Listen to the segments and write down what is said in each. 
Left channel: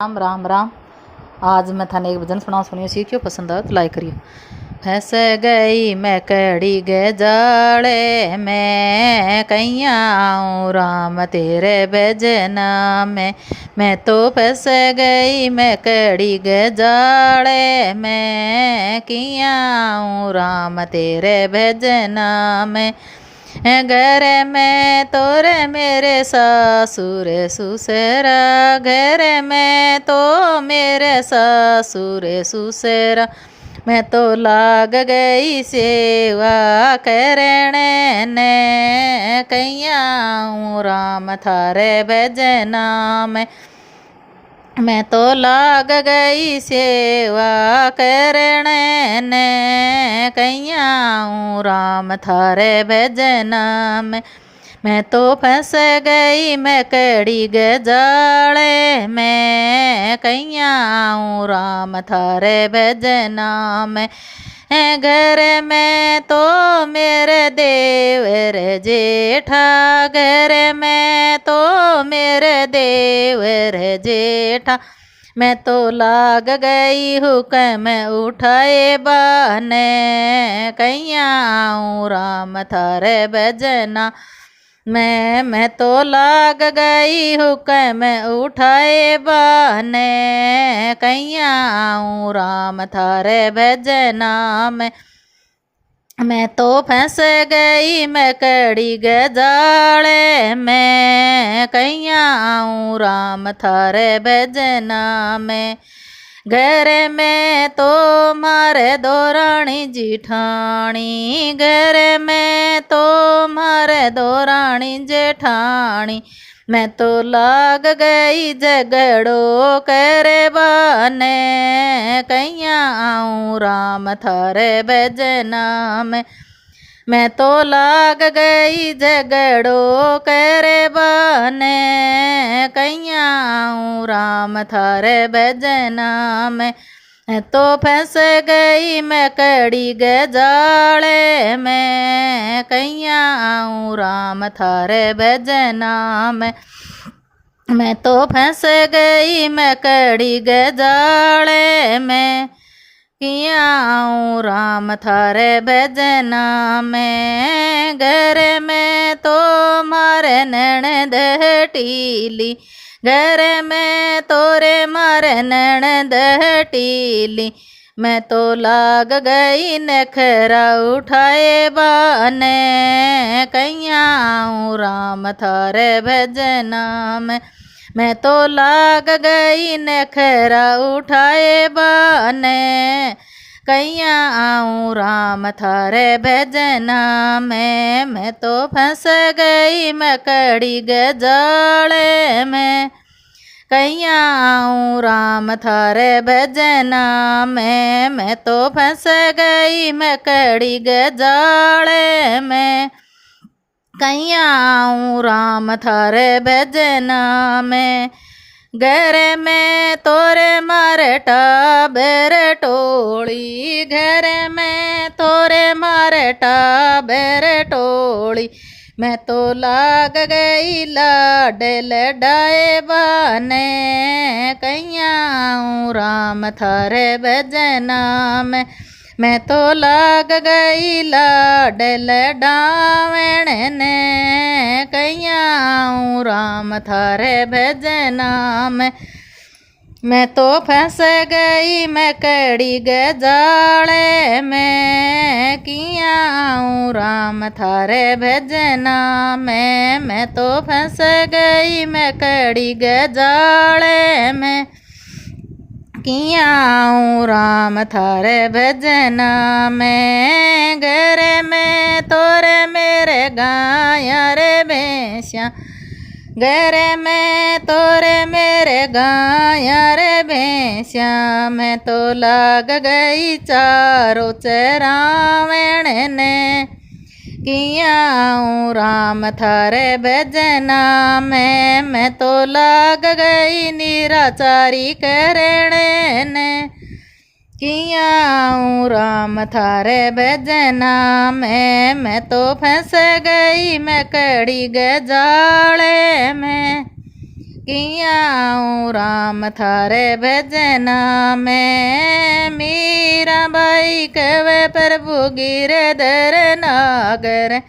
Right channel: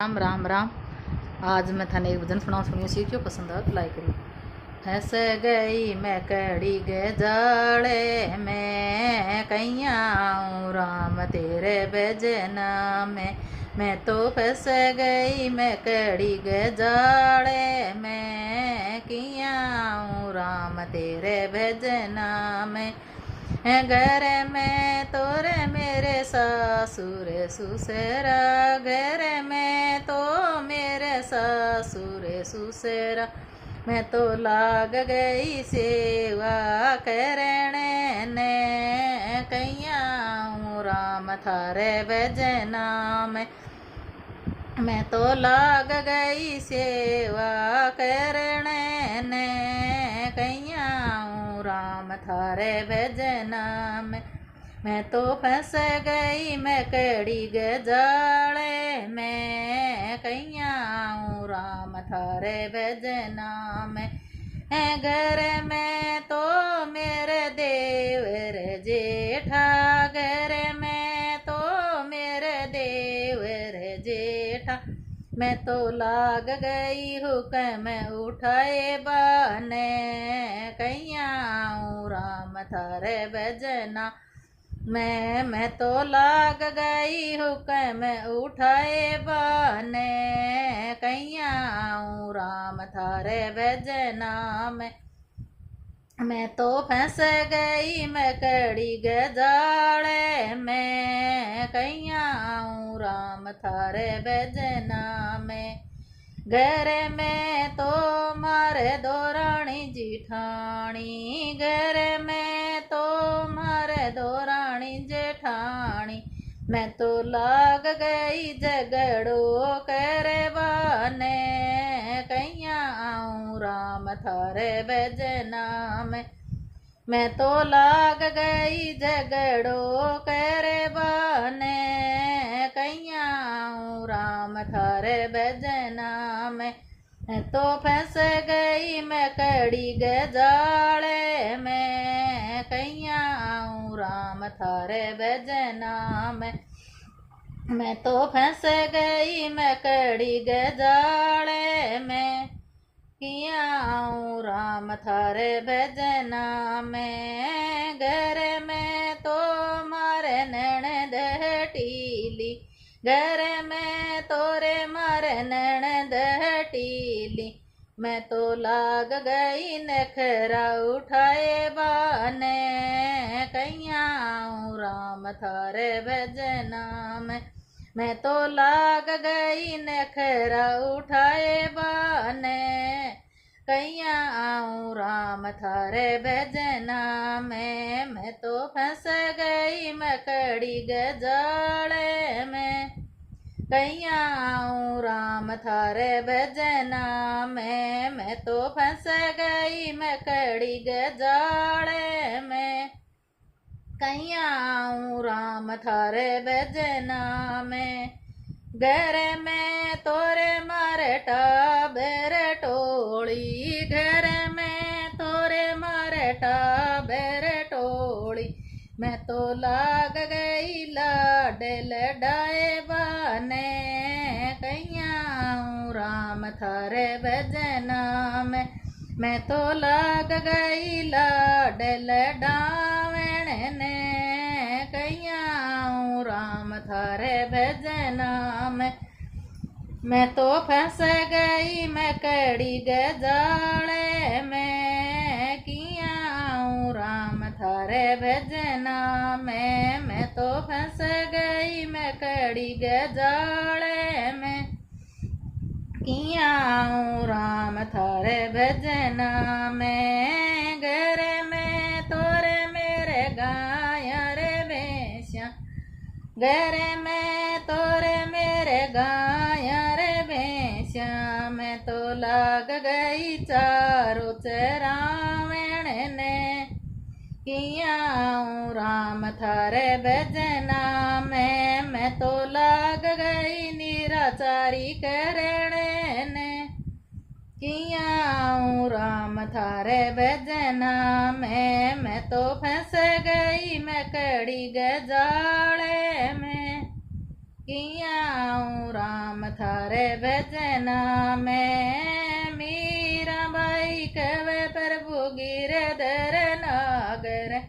राम राम राम। आज मैं थाने एक भजन सुनियो सी क्यों पसंद आया तो लाइक करियो। फंस गई मैं कड़ी गे जाले में कैया आऊँ राम तेरे भजना में। मैं तो फंस गई मैं कड़ी गे जाले में किया आऊँ राम तेरे भजना में। घर में तोरे मेरे ससुर सुसरा, घर में तो मेरे ससुर सुसरा। मैं तो लाग गई सेवा करने ने कैया आऊँ राम थारे भजना में। मैं तो लाग गई सेवा करने ने कैया आऊँ राम थारे भजना में। मैं तो फंस गई मैं कड़ी गजाले में कैया आऊँ राम थारे भजना में। घर में तो मेरे देवर जेठा, घर में तो मेरे देवर जेठा। मैं तो लाग गई हुक्म उठाए बने कैया आऊँ राम थारे भजना। मैं तो लाग गई हुक्म उठाए बने कैया आऊँ राम थारे भजना में। मैं तो फंस गई मैं कड़ी गजाले में कैया आऊँ राम थारे भजना में। घर में तो मारे दौरानी जिठानी, घर में तो मारे दौरानी जेठानी। मैं तो लाग गई झगड़ो करे बने कैया आऊँ राम थारे भजना में। मैं तो लाग गई झगड़ो करे बने कैया आऊँ राम थारे भजना में। मैं तो फंस गई मैं कड़ी गजाले में कैया आऊँ राम थारे भजना में। मैं तो फंस गई मैं कड़ी गजाले में किया आऊँ राम थारे भजना में। घर में तो मारे ननद टीली, घर में तोरे मारे ननद टीली। मैं तो लाग गई नखरा उठाए बने कैया आऊँ राम थारे भजना में। मैं तो लाग गई नखरा उठाए बने कैया आऊँ राम थारे भजना में। मैं तो फंस गई मैं कड़ी गजाले में कैया आऊँ राम थारे भजना में। मैं तो फंस गई मैं कड़ी गजाले में कैया आऊँ राम थारे भजना में। घर में तोरे मारे टाबर टोली, घर में तोरे मारे टाबर टोली। मैं तो लाग गई लाड लडाए बने कैया आऊँ राम थारे भजना में। मैं तो लाग गई लाड लडावण ने कैया आऊँ राम थारे भजना में। मैं तो फंस गई मैं कड़ी गजाले में किया आऊँ राम थारे भजना में। मैं तो फंस गई मैं कड़ी गजाले में किया आऊँ राम थारे भजना में। घर में तोरे मेरे गाया रे भैंसिया, घर में तोरे मेरे गाया रे भैंसिया। मैं तो लाग गई चारों चरावण ने किया आऊँ राम थारे भजना में। मैं तो लाग गई निराचारी करने ने किया आऊँ राम थारे भजना में। मैं तो फंस गई मैं कड़ी गजाले में किया आऊँ राम थारे भजना में। मीरा बाई कवे प्रभु गिरधर नागर।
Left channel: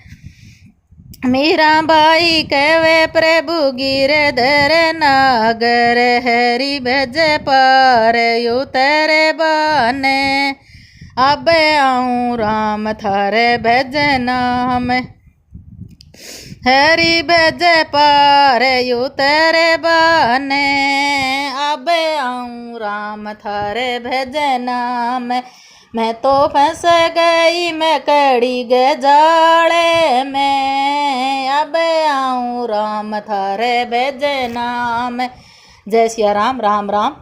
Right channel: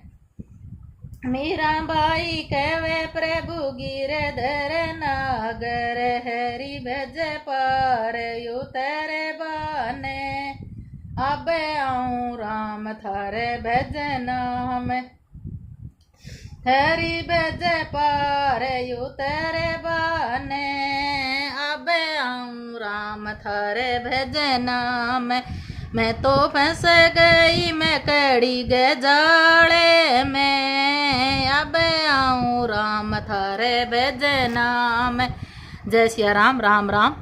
मीरा बाई कवे प्रभु गिरधर नागर। हरि भज पार उतर बाने। अब आऊँ राम थारे भजना में। हरि भज पार उतर बाने। अब आऊँ राम थारे भजना में। मैं तो फंस गई मैं कड़ी गे जाले में। अब आऊँ राम थारे भजना में। जय सिया राम। राम राम।